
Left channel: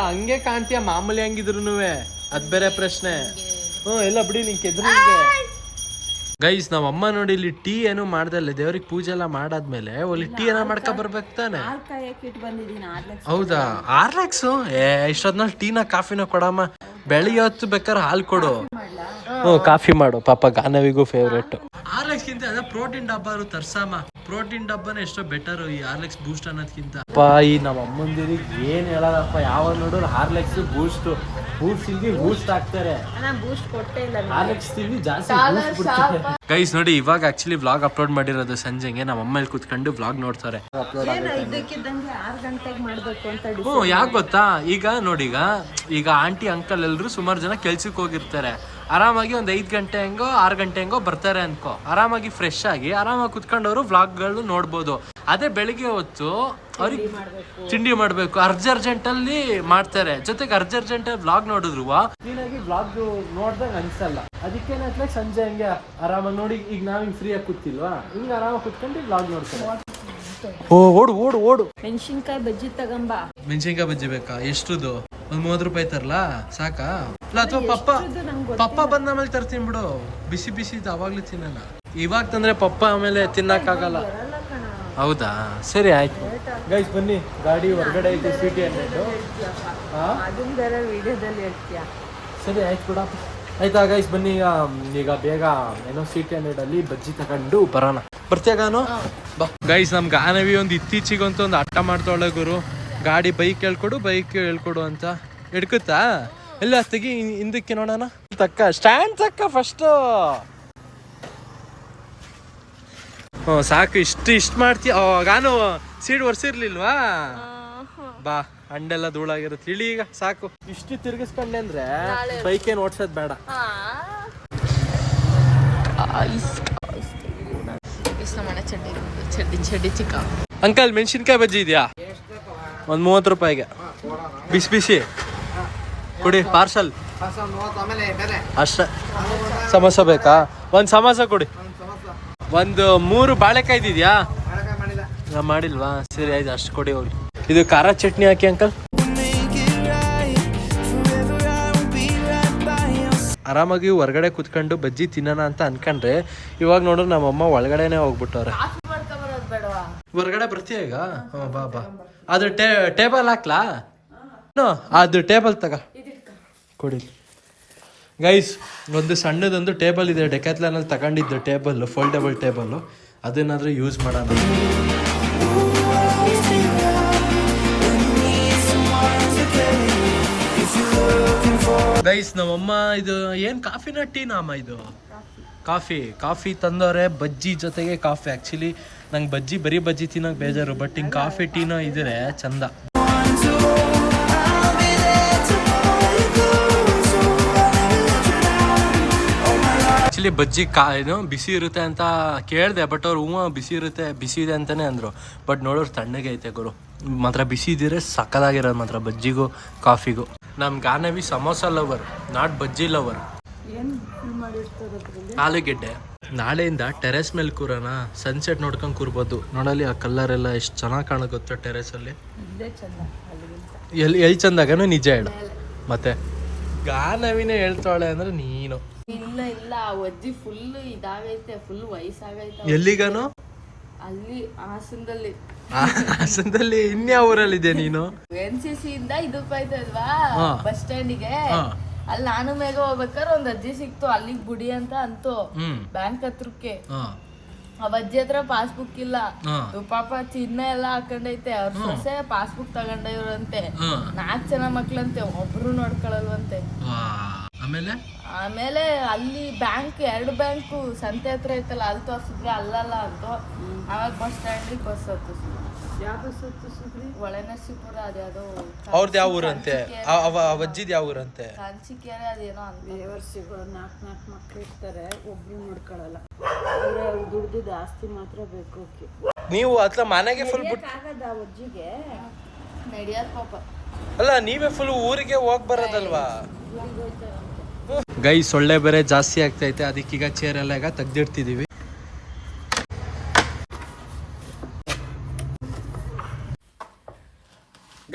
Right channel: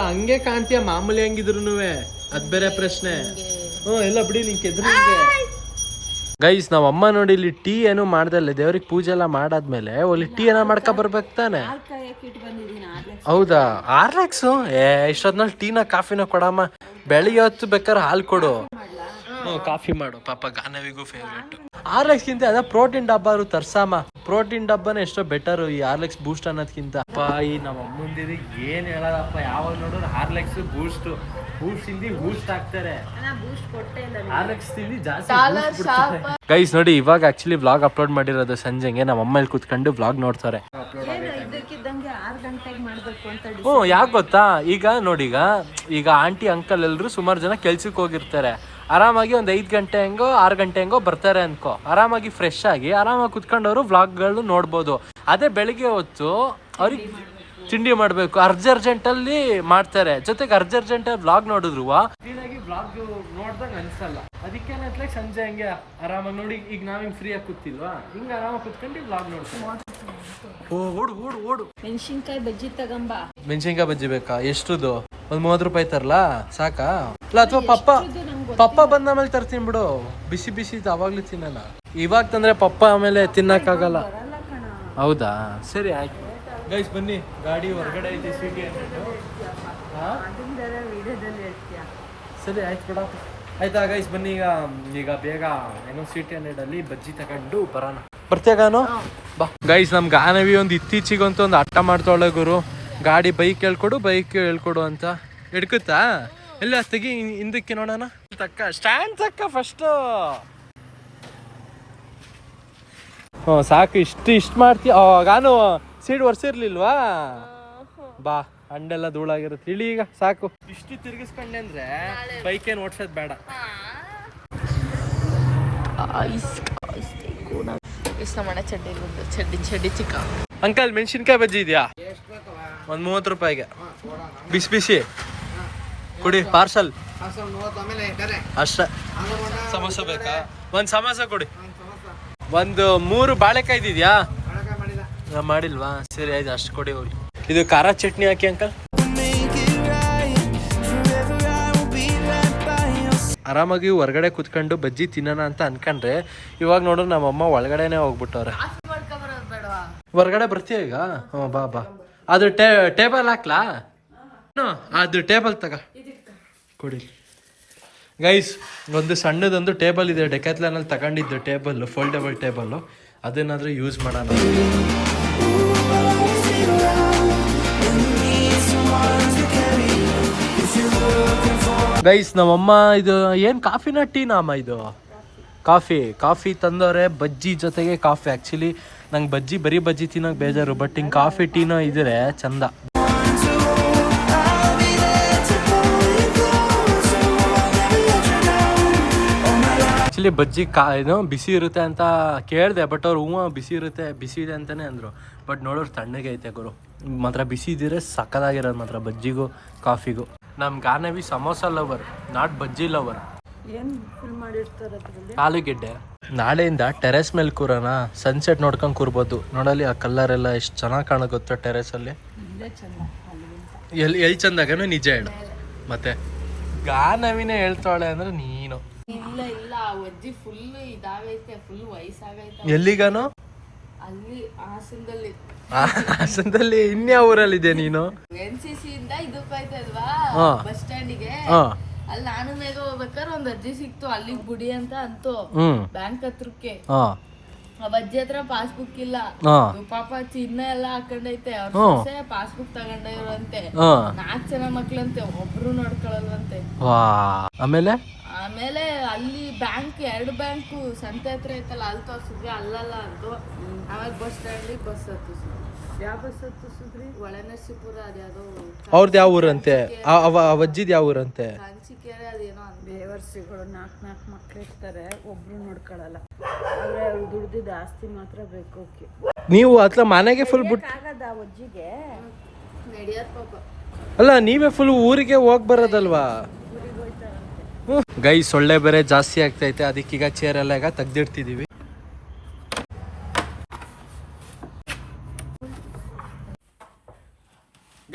ಹಂಗೆ ಕಾಣ್ತೀಯ ಮಾಮೂಲಿ ಹಂಗಿದ್ರು. ಅದ್ ಬೇರೆ ಪ್ರಶ್ನೆ. ಎಲ್ಲ ಬಿಡಿ ನಿಂಗೆ ಎದುರು. ಗೈಸ್ ನಾವ್ ಅಮ್ಮ ನೋಡಿ ಇಲ್ಲಿ ಟೀ ಏನು ಮಾಡ್ದಲ್ಲ, ದೇವ್ರಿಗೆ ಪೂಜೆ ಎಲ್ಲ ಮಾಡಾದ್ಮೇಲೆ ಒಳ್ಳೆ ಟೀ ಏನೋ ಮಾಡ್ಕೊ ಬರ್ಬೇಕು ತಾನೆ. ಹೌದಾ? ಆರ್ಲೆಕ್ಸು ಇಷ್ಟೊದ್ನಲ್ಲಿ ಟೀನ ಕಾಫಿನ ಕೊಡಮ್ಮ. ಬೆಳಿಗ್ಗೆ ಹೊತ್ತು ಬೇಕಾದ್ರೆ ಹಾಲು ಕೊಡು. ಕಾಫಿ ಮಾಡು. ಪಾಪ ಗಾನವಿಗೂ ಫೇವ್ರೇಟ್. ಆರ್ಲೆಕ್ಸ್ ಗಿಂತ ಅದ ಪ್ರೋಟೀನ್ ಡಬ್ಬ ತರ್ಸಮ್ಮ. ಪ್ರೋಟೀನ್ ಡಬ್ಬನೇ ಎಷ್ಟೋ ಬೆಟರ್ ಈ ಹಾರ್ಲೆಕ್ಸ್ ಬೂಸ್ಟ್ ಅನ್ನೋದ್ಕಿಂತ. ಅಪ್ಪ ಈ ನಮ್ಮ ಅಮ್ಮಂದಿರಿಗೆ ಏನ್ ಹೇಳೋದಪ್ಪ, ಯಾವಾಗ ನೋಡಿದ್ರು ಹಾರ್ಲೆಕ್ಸ್ ಬೂಸ್ಟ್ ಇಲ್ದಿ ಬೂಸ್ಟ್ ಹಾಕ್ತಾರೆ. ಹಾರ್ಲೆಕ್ಸ್ ತಿಂದಿ ಜಾಸ್ತಿ ಬೂಸ್ಟ್ ಬಿಡ್ತಾರೆ. ಗೈಸ್ ನೋಡಿ ಇವಾಗ ಆಕ್ಚುಲಿ ವ್ಲಾಗ್ ಅಪ್ಲೋಡ್ ಮಾಡಿರೋದು ಸಂಜೆಗೆ. ನಮ್ಮ ಅಮ್ಮ ಇಲ್ಲಿ ಕುತ್ಕೊಂಡು ವ್ಲಾಗ್ ನೋಡ್ತಾರೆ. ಅಪ್ಲೋಡ್ ಆಗೈತೆ. ಯಾಕೆ ಗೊತ್ತಾ, ಈಗ ನೋಡಿ ಈಗ ಆಂಟಿ ಅಂಕಲ್ ಎಲ್ರು ಸುಮಾರು ಜನ ಕೆಲ್ಸಕ್ಕೆ ಹೋಗಿರ್ತಾರೆ. ಆರಾಮಾಗಿ ಒಂದು 5 ಗಂಟೆ ಹೆಂಗೋ 6 ಗಂಟೆ ಹೆಂಗೋ ಬರ್ತಾರೆ ಅನ್ಕೋ. ಆರಾಮಾಗಿ ಫ್ರೆಶ್ ಆಗಿ ಆರಾಮಾಗಿ ಕುತ್ಕೊಂಡವರು ವ್ಲಾಗ್ಗಳು ನೋಡ್ಬೋದು. ಅದೇ ಬೆಳಿಗ್ಗೆ ಹೊತ್ತು ಅವ್ರಿಗೆ ತಿಂಡಿ ಮಾಡ್ಬೇಕು, ಅರ್ಜೆಂಟಲ್ಲಿ ಮಾಡ್ತಾರೆ. ಜೊತೆಗೆ ಅರ್ಜೆಂಟಲ್ಲಿ ವ್ಲಾಗ್ ನೋಡಿದ್ರು ಕ್ಲೀನಾಗಿ ವ್ಲಾಗ್ ನೋಡ್ದಂಗ ಅನ್ಸಲ್ಲ. ಅದಕ್ಕೇನೆ ಸಂಜೆ ಹಂಗೆ ಆರಾಮಾಗಿ ನೋಡಿ. ಈಗ ನಾವ್ ಹಿಂಗ್ ಫ್ರೀ ಆಗಿ ಕೂತಿಲ್ವಾ, ಹಿಂಗ ಆರಾಮಾಗಿ ಕುತ್ಕೊಂಡು ವ್ಲಾಗ್ ನೋಡ್ತಾರೆ. ಓಡು ಮೆಣಸಿನ್ಕಾಯಿ ಬಜ್ಜಿ ತಗೊಂಬ. ಮೆಣಸಿನ್ಕಾಯಿ ಬಜ್ಜಿ ಬೇಕಾ? ಎಷ್ಟುದು? ಒಂದ್ 30 ರೂಪಾಯಿ ತರಲಾ ಸಾಕಾ? ಇಲ್ಲ ಅಥವಾ ಪಪ್ಪ ಬಂದ ಆಮೇಲೆ ತರ್ತೀನಿ ಬಿಡು. ಬಿಸಿ ಅವಾಗ್ಲೂ ತಿನ್ನಲ್ಲ. ಇವಾಗ ತಂದ್ರೆ ಪಪ್ಪ ಆಮೇಲೆ ತಿನ್ನಕ್ಕಾಗಲ್ಲ. ಹೌದಾ? ಸರಿ ಆಯ್ತು. ಗೈಸ್ ಬನ್ನಿ, ಗಾಡಿ ಹೊರಗಡೆ ಐತೆ CT100. ಸರಿ ಆಯ್ತು ಬಿಡ. ಆಯ್ತಾ ಗೈಸ್ ಬನ್ನಿ ಈಗ ಬೇಗ ಏನೋ CT100 ಅಲ್ಲಿ ಬಜ್ಜಿ ತಗೊಂಡು ಬರೋಣ. ಬರ್ತೀಯಾಗಾನು? ಬಾ. ಗೈಸ್ ನಮ್ ಗಾನವಿ ಒಂದು ಇತ್ತೀಚಿಗಂತೂ ಒಂದು ಹಠ ಮಾಡ್ತಾಳೆ ಗುರು. ಗಾಡಿ ಬೈಕ್ ಹೇಳ್ಕೊಡು ಅಂತ. ಹಿಡ್ಕುತ್ತಾ? ಎಲ್ಲ ತೆಗಿ ಹಿಂದಕ್ಕೆ ನೋಡೋಣ. ಸ್ಟ್ಯಾಂಡ್ ತಕ್ಕ ಫಸ್ಟ್. ಸಾಕು. ಇಷ್ಟು ಮಾಡ್ತೀಯ. ಗಾನು ಸೀಡ್ ಒರ್ಸಿರ್ಲಿಲ್ವಾ? ಬಾ, ಹಂಡೆಲ್ಲ ಧೂಳಾಗಿರುತ್ತೆ. ಇಳಿ ಈಗ ಸಾಕು. ಇಷ್ಟು ತಿರ್ಗಿಸ್ಕೊಂಡೆ ಅಂದ್ರೆ ಬೈಕ್ ಏನು ಓಡ್ಸೋದ್ ಬೇಡ. ಚಡ್ಡಿ ಚಿಕ್ಕ. ಅಂಕಲ್ ಮೆಣಸಿನ್ಕಾಯಿ ಬಜ್ಜಿ ಇದೆಯಾ? ಒಂದು 30 ರೂಪಾಯಿಗೆ ಬಿಸಿ ಕೊಡಿ. ಪಾರ್ಸಲ್ ಅಷ್ಟೇ. ಸಮೋಸ ಬೇಕಾ? ಒಂದು ಸಮೋಸ ಕೊಡಿ. ಒಂದು 3 ಬಾಳೆಕಾಯಿ ಇದೆಯಾ? ಮಾಡಿಲ್ವಾ? ಸರಿ ಆಯ್ತು, ಅಷ್ಟು ಕೊಡಿ ಹೋಗಿ. ಇದು ಖಾರ ಚಟ್ನಿ ಹಾಕಿ ಅಂಕಲ್. ಆರಾಮಾಗಿ ಹೊರಗಡೆ ಕುತ್ಕೊಂಡು ಬಜ್ಜಿ ತಿನ್ನೋಣ ಅಂತ ಅನ್ಕೊಂಡ್ರೆ ಇವಾಗ ನೋಡ್ರಿ ನಮ್ಮಮ್ಮ ಒಳಗಡೆನೆ ಹೋಗ್ಬಿಟ್ಟವ್ರೆ. ಹೊರಗಡೆ ಬರ್ತೀಯ ಈಗ? ಬಾ. ಅದು ಟೇಬಲ್ ಹಾಕ್ಲಾ? ಅದು ಟೇಬಲ್ ತಗ ಕೊಡಿ. ಗೈಸ್ ಒಂದು ಸಣ್ಣದೊಂದು ಟೇಬಲ್ ಇದೆ, ಡೆಕ್ಯಾಥ್ಲಾನಲ್ಲಿ ತಗೊಂಡಿದ್ದು ಟೇಬಲ್, ಫೋಲ್ಡಬಲ್ ಟೇಬಲ್. ಅದನ್ನಾದ್ರೂ ಯೂಸ್ ಮಾಡೋಣ. ಗೈಸ್ ನಮ್ಮಮ್ಮ ಇದು ಏನ್ ಕಾಫಿನ ಟೀನಾ ಅಮ್ಮ? ಇದು ಕಾಫಿ ತಂದವ್ರೆ. ಬಜ್ಜಿ ಜೊತೆಗೆ ಕಾಫಿ. ಆಕ್ಚುಲಿ ನಂಗೆ ಬರೀ ಬಜ್ಜಿ ತಿನ್ನೋಕೆ ಬೇಜಾರು. ಬಟ್ ಹಿಂಗೆ ಕಾಫಿ ಟೀನೋ ಇದ್ರೆ ಚಂದ. ಆ್ಯಕ್ಚುಲಿ ಬಜ್ಜಿ ಏನು ಬಿಸಿ ಇರುತ್ತೆ ಅಂತ ಕೇಳಿದೆ, ಬಟ್ ಅವ್ರು ಬಿಸಿ ಇರುತ್ತೆ, ಬಿಸಿ ಇದೆ ಅಂತಲೇ ಅಂದರು. ಬಟ್ ನೋಡೋರು ತಣ್ಣಗೆ ಐತೆ ಗುರು, ಮಾತ್ರ ಬಿಸಿ ಇದ್ದರೆ ಸಕ್ಕದಾಗಿರೋದು ಮಾತ್ರ ಬಜ್ಜಿಗೂ ಕಾಫಿಗೂ. ನಮ್ಮ Ganavi samosa lover, not bajji lover. ಏನು ಮಾಡಿರ್ತಾರೆ ಅದರಲ್ಲಿ? ಆಲೂಗೆಡ್ಡೆ. ನಾಳೆಯಿಂದ ಟೆರೆಸ್ ಮೇಲೆ ಕೂರೋಣ, ಸನ್ಸೆಟ್ ನೋಡ್ಕೊಂಡು ಕೂರ್ಬೋದು. ನೋಡಲಿ ಆ ಕಲರ್ ಎಲ್ಲ ಎಷ್ಟು ಚೆನ್ನಾಗಿ ಕಾಣುತ್ತೆ ಟೆರೆಸಲ್ಲಿ. ಇಲ್ಲೇ ಚೆಂದ ಅಲ್ಲಿಗಿಂತ. ಎಲ್ಲಿ ಚಂದಾಗನೂ ನಿಜ ಹೇಳು. ಮತ್ತೆ ಗಾನವಿನೇ ಹೇಳ್ತಾಳೆ ಅಂದ್ರೆ ನೀನು ಇಲ್ಲ ಇಲ್ಲ ಆ ಅಜ್ಜಿ ಫುಲ್ ಇದಾಗೈತೆ, ಫುಲ್ ವಯಸ್ಸಾಗೈತೆ. ಎಲ್ಲಿಗಾನು? ಅಲ್ಲಿ ಹಾಸನದಲ್ಲಿ. ಹಾಸನದಲ್ಲಿ ಇನ್ಯಾವ ಊರಲ್ಲಿದೆ ನೀನು? NCC ಇಂದ ಇದಕ್ಕೆ ಹೋಯ್ತಲ್ವಾ ಹಾ. ಬಸ್ ಸ್ಟ್ಯಾಂಡಿಗೆ, ಅಲ್ಲಿ ನಾನು ಮೇಘ ಹೋಗ್ಬೇಕಾದ್ರೆ ಒಂದ್ ಅಜ್ಜಿ ಸಿಕ್ತು, ಅಲ್ಲಿಗೆ ಬುಡಿ ಅಂತ ಅಂತು ಬ್ಯಾಂಕ್ ಹತ್ರಕ್ಕೆ. ಆ ಅಜ್ಜಿ ಹತ್ರ ಪಾಸ್ಬುಕ್ ಇಲ್ಲ, ಪಾಪ ಚಿನ್ನ ಎಲ್ಲ ಹಾಕೊಂಡೈತೆ. ಅವ್ರ ಸೊಸೆ ಪಾಸ್ಬುಕ್ ತಗೊಂಡವ್ರಂತೆ, 4 ಜನ ಮಕ್ಳಂತೆ, ಒಬ್ರು ನೋಡ್ಕೊಳಲ್ವಂತೆ. ಆಮೇಲೆ ಅಲ್ಲಿ ಬ್ಯಾಂಕ್ 2 ಬ್ಯಾಂಕು ಸಂತೆ ಹತ್ರ ಐತಲ್ಲ, ಅಲ್ಲಿ ತೋರ್ಸಿದ್ವಿ, ಅಲ್ಲಲ್ಲ ಅಂತು. ಆವಾಗ ಬಸ್ ಸ್ಟ್ಯಾಂಡಿಗೆ ಬಸ್ ಹತ್ತಿಸಿದ್ವಿ. ಯಾವ ಬಸ್ ಹತ್ತಿಸಿದ್ರಿ? ಒಳನರಸೀಪುರ ಅದ್ಯಾವುದೋ. ಅವ್ರದ್ದು ಯಾವ ಊರಂತೆ? ಅಜ್ಜಿದ್ ಯಾವ ಊರಂತೆ? ಕಾಂಚಿಕೆರೆ ಅದೇನೋ ಅಂತ. ಬೇವರ್ಸಿಗಳು 4 ಮಕ್ಳು ಇರ್ತಾರೆ, ಒಬ್ರು ನೋಡ್ಕೊಳಲ್ಲ. ಅಂದ್ರೆ ದುಡ್ದಿದ್ದು ಆಸ್ತಿ ಮಾತ್ರ ಬೇಕು. ನೀವು ಅತ್ಲ ಮನೆಗೆ ಫುಲ್ ಆಗದ ಅಜ್ಜಿಗೆ ನಡಿಯತ್ ಪಾಪ. ಅಲ್ಲ ನೀವೇ ಫುಲ್ ಊರಿಗೆ ಹೋಗಿ ಬರೋದಲ್ವಾ? ಗೈ ಸೊಳ್ಳೆ ಬೇರೆ ಜಾಸ್ತಿ ಆಗ್ತೈತೆ, ಅದಕ್ಕೀಗ ಚೇರ್ ಎಲ್ಲ ಈಗ ತೆಗ್ದಿಡ್ತಿದೀವಿ.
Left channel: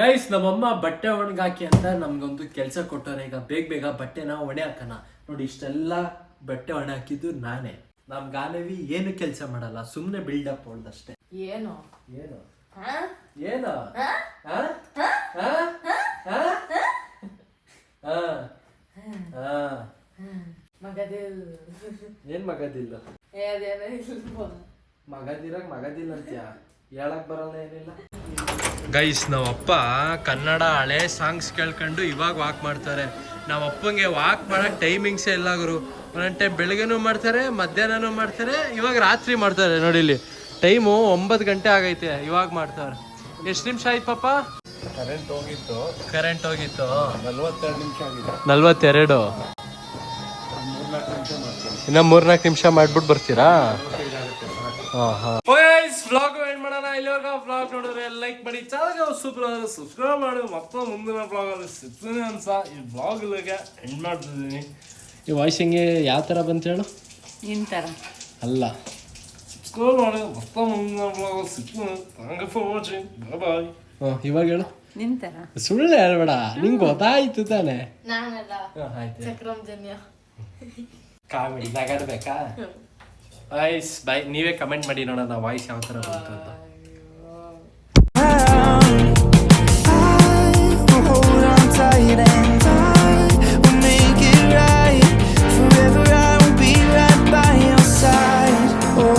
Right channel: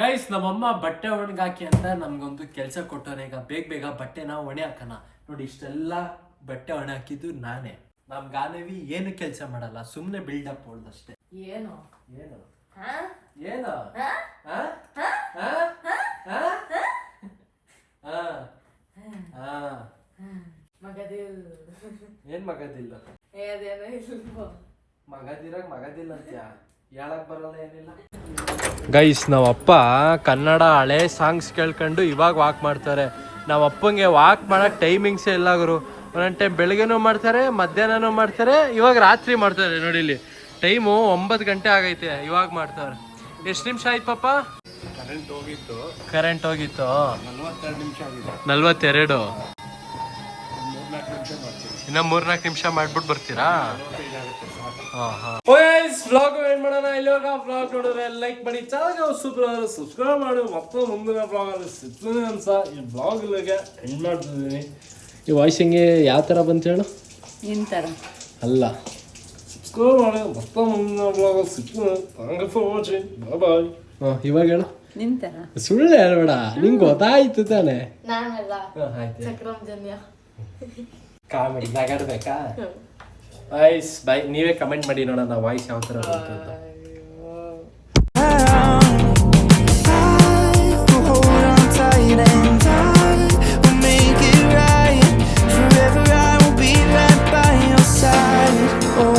ಗೈಸ್ ನಮ್ಮಮ್ಮ ಬಟ್ಟೆ ಒಣಗಾಕಿ ಅಂತ ನಮ್ಗೊಂದು ಕೆಲಸ ಕೊಟ್ಟವ್ರೆ. ಈಗ ಬೇಗ ಬಟ್ಟೆನ ಒಣೆ ಹಾಕೋಣ. ನೋಡಿ ಇಷ್ಟೆಲ್ಲ ಬಟ್ಟೆ ಒಣೆ ಹಾಕಿದ್ದು ನಾನೇ. ನಮ್ ಗಾನವಿ ಏನು ಕೆಲಸ ಮಾಡಲ್ಲ, ಸುಮ್ನೆ ಬಿಲ್ಡಪ್ ಹೊಡ್ದಷ್ಟೇ. ಏನು ಏನು ಏನು ಏನ್ ಮಗದಿಲ್ಲ? ಮಗದಿಲ್ಲ ಅಂತ್ಯ ಹೇಳಕ್ ಬರಲ್ಲ, ಏನಿಲ್ಲ. ಗೈಸ್ ನಾವಪ್ಪ ಕನ್ನಡ ಹಳೆ ಸಾಂಗ್ಸ್ ಕೇಳ್ಕೊಂಡು ಇವಾಗ ವಾಕ್ ಮಾಡ್ತಾರೆ. ನಮ್ಮ ಅಪ್ಪಂಗೆ ವಾಕ್ ಮಾಡಕ್ ಟೈಮಿಂಗ್ಸೇ ಇಲ್ಲ ಗುರು. ಒಂದೊಂದು ಟೈಮ್ ಬೆಳಗ್ಗೆನೂ ಮಾಡ್ತಾರೆ, ಮಧ್ಯಾಹ್ನನೂ ಮಾಡ್ತಾರೆ, ಇವಾಗ ರಾತ್ರಿ ಮಾಡ್ತಾರೆ. ನೋಡಿ ಇಲ್ಲಿ ಟೈಮು 9 ಗಂಟೆ ಆಗೈತೆ, ಇವಾಗ ಮಾಡ್ತಾರೆ. ಎಷ್ಟು ನಿಮಿಷ ಆಯ್ತು ಪಾಪ? ಕರೆಂಟ್ ಹೋಗಿತ್ತು 42 ನಿಮಿಷ ಆಗಿದೆ. 42 ಇನ್ನ 3-4 ನಿಮಿಷ ಮಾಡ್ಬಿಟ್ಟು ಬರ್ತೀರಾ? ವ್ಲಾಗ್ ಏನ್ ಮಾಡೋಣ. ಇಲ್ಲಿವಾಗ ವ್ಲಾಗ್ ನೋಡಿದ್ರೆ ಲೈಕ್ ಮಾಡಿ, ಚಾನಲ್ಗೆ ಸೂಪರ್ ಸಬ್ಸ್ಕ್ರೈಬ್ ಮಾಡಿ. ಮತ್ತೆ ಮುಂದಿನ ವ್ಲಾಗ್ ಅಲ್ಲಿ ಸಿಗ್ತೀನಿ ಅನ್ಸ. ಈ ವ್ಲಾಗ್ ಇಲ್ಲಿಗೆ ಎಂಡ್ ಮಾಡ್ತಿದ್ದೀನಿ. ಈ ವಾಯ್ಸ್ ಹಿಂಗೆ ಯಾವ ಥರ ಬಂತು ಹೇಳು? ನಿನ್ ಥರ ಅಲ್ಲ, ಸಬ್ಸ್ಕ್ರೈಬ್ ಮಾಡಿ. ಮತ್ತೆ ಮುಂದಿನ ವ್ಲಾಗ್ ಅಲ್ಲಿ ಸಿಗ್ತೀನಿ. ಥ್ಯಾಂಕ್ ಯು ಫಾರ್ ವಾಚಿಂಗ್, ಬಾಯ್ ಬಾಯ್. ಇವಾಗ ಹೇಳು. ನಿನ್ ಥರ ಸುಳ್ಳು ಹೇಳ್ಬೇಡ, ನಿಂಗೆ ಗೊತ್ತಾಯ್ತು ತಾನೆ. ನಾನಲ್ಲ ಚಕ್ರಂ ಜನ್ಯ. ಕಾಮಿಡಿ ನಗಾಡ್ಬೇಕಾ? ವಾಯ್ಸ್ ಬೈ ನೀವೇ ಕಮೆಂಟ್ ಮಾಡಿ ನೋಡೋಣ ವಾಯ್ಸ್ ಯಾವ ಥರ ಬಂತು ಅಂತ. hold on tight and I will make it right. Forever I will be right by your side. Oh,